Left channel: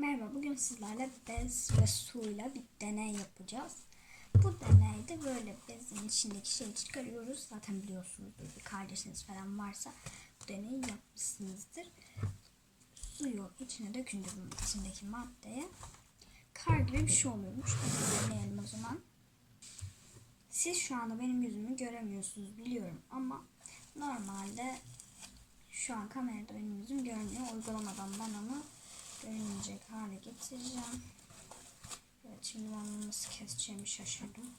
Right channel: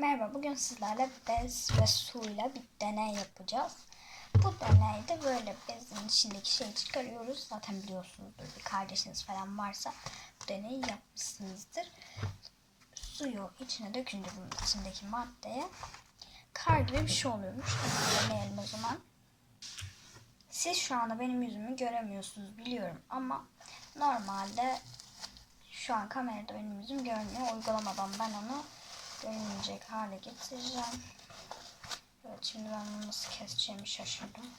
Merhaba, bugün sizlerle bez ve suyla bir deney yapacağız. Bu deneyde böyle bezin içindeki şeyi çıkarıyoruz. Zaten biliyorsunuzdur bir kardeşiniz falan varsa bu deneyi yapmışsınızdır. Suyu içine dökünce bunun içindeki maddeye kar gibi bir şey oluyormuş. Hadi deneyelim o zaman. Siz şu anda benim yüzümü göremiyorsunuz biliyorum ama normalde şu an kamerada benim yüzüm görünüyor. Uygulamadan ben onu görünmeyecek hale getireceğim. Evet şimdi ben bunu nasıl keseceğimi şaşırdım.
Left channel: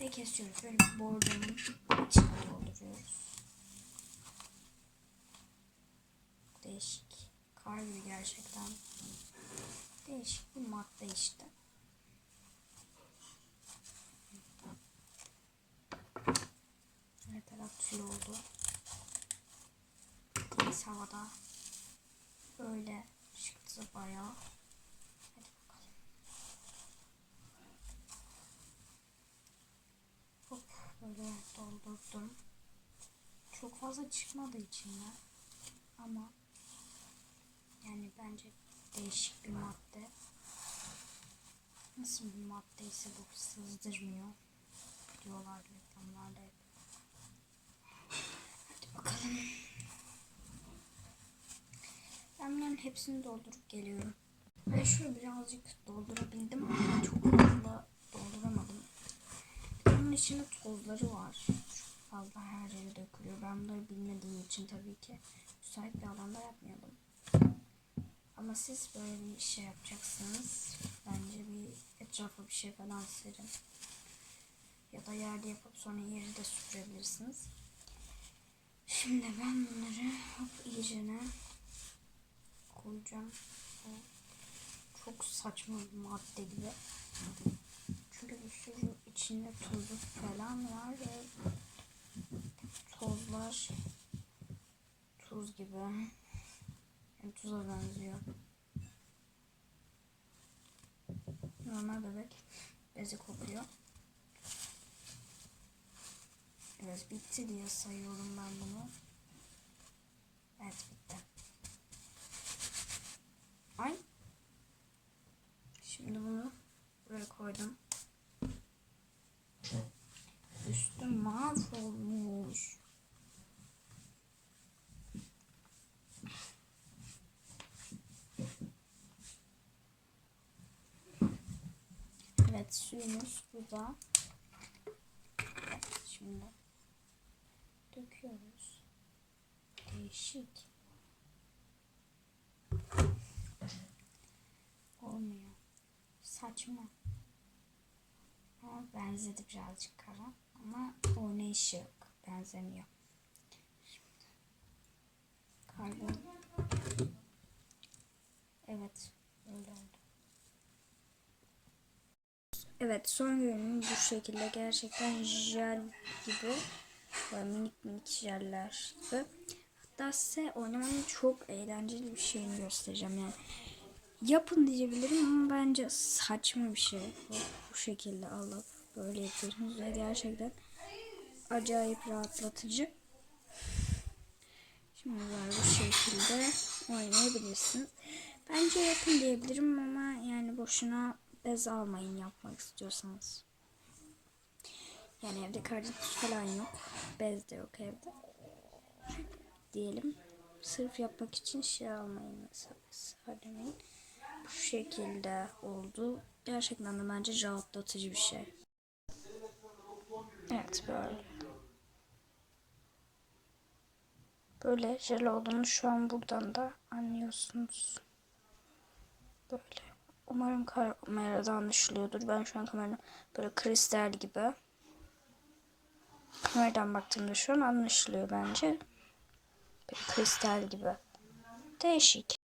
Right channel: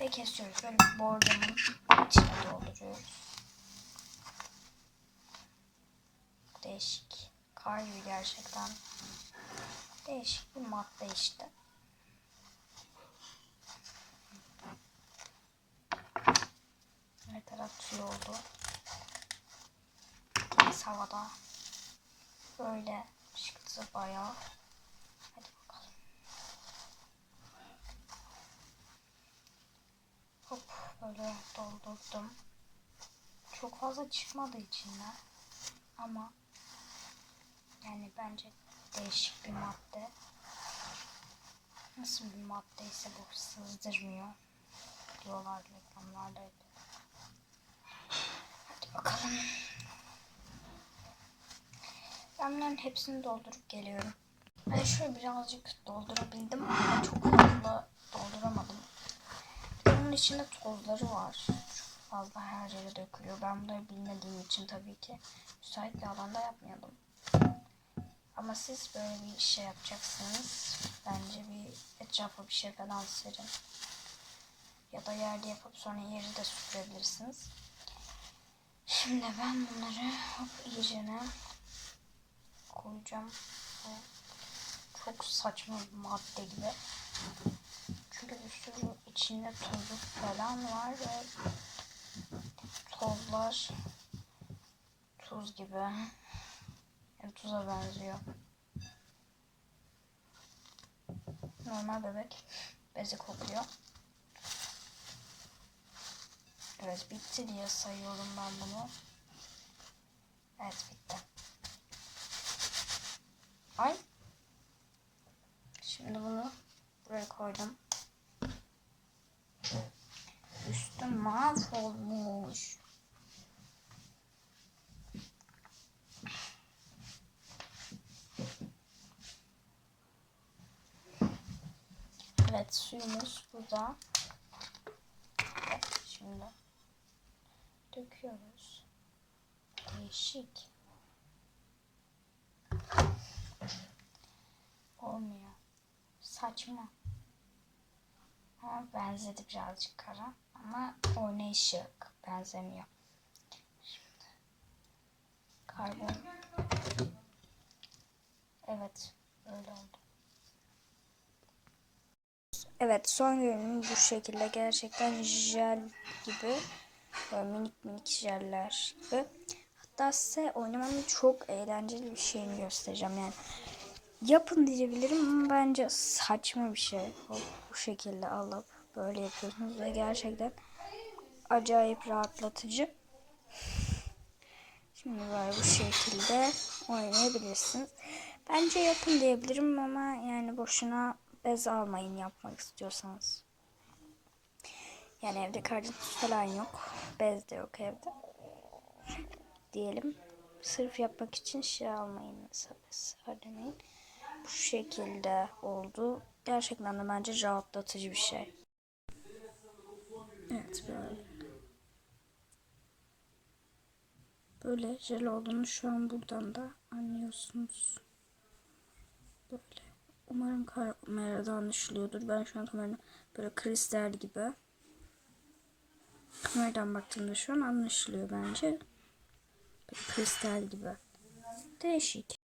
Ve kesiyoruz. Böyle borcamın içine dolduruyoruz. Değişik. Kar gibi gerçekten. Değişik bir madde işte. Her taraf tüy oldu. Deniz havada. Böyle çıktı bayağı. Hadi bakalım. Hop böyle doldurdum. Çok fazla çıkmadı içinden. Ama yani bence değişik bir madde. Nasıl bir madde ise bu sızdırmıyor. Diyorlar reklamlarda hep. Hadi bakalım. Ben bunların hepsini doldurup geliyorum. Ben şöyle birazcık doldurabildim ama çok fazla dolduramadım. Bunun içinde tozları var. Çok fazla her yere dökülüyor. Ben bunları bilmediğim için tabii ki müsait bir alanda yapmıyordum. Ama siz böyle bir şey yapacaksınız. Bence bir etrafa bir şey falan serin. Ya da yerde yapıp sonra yeri de süpürebilirsiniz. Şimdi ben bunları hop iyicene koyacağım. Çok saçma bir madde gibi. Çünkü bir sürü içinde tozu falan var ve tozlar tuz gibi. Yani tuza benziyor. Normal bebek bezi kokuyor. Evet bitti diye sayıyorum ben bunu. Evet bitti. Ay. Şimdi bunu buraya koydum. Üstüm mahvolmuş. Evet suyumuz burada. Şimdi döküyoruz. Değişik. Saçma. Ha, benzedi birazcık kara ama oynayışı yok. Benzemiyor. Şimdi. Karbon. Evet. Öyle oldu. Evet son görünüm bu şekilde gerçekten jel gibi böyle minik minik jeller gibi. Hatta size oynamanın çok eğlenceli bir şeyini göstereceğim yani. Yapın diyebilirim ama bence saçma bir şey. Hop, bu şekilde alıp böyle yapıyorsunuz ve gerçekten acayip rahatlatıcı. Şimdi böyle bu şekilde oynayabilirsiniz. Bence yapın diyebilirim ama yani boşuna bez almayın yapmak istiyorsanız. Yani evde kardeş falan yok. Bez de yok evde. Diyelim. Sırf yapmak için şey almayın mesela. Söylemeyin. Bu şekilde oldu. Gerçekten de bence rahatlatıcı bir şey. Evet böyle. Böyle jel olduğunu şu an buradan da anlıyorsunuz. Böyle. Umarım kameradan anlaşılıyordur. Ben şu an kameranın böyle kristal gibi. Kameradan baktığımda şu an anlaşılıyor bence. Böyle kristal gibi. Değişik.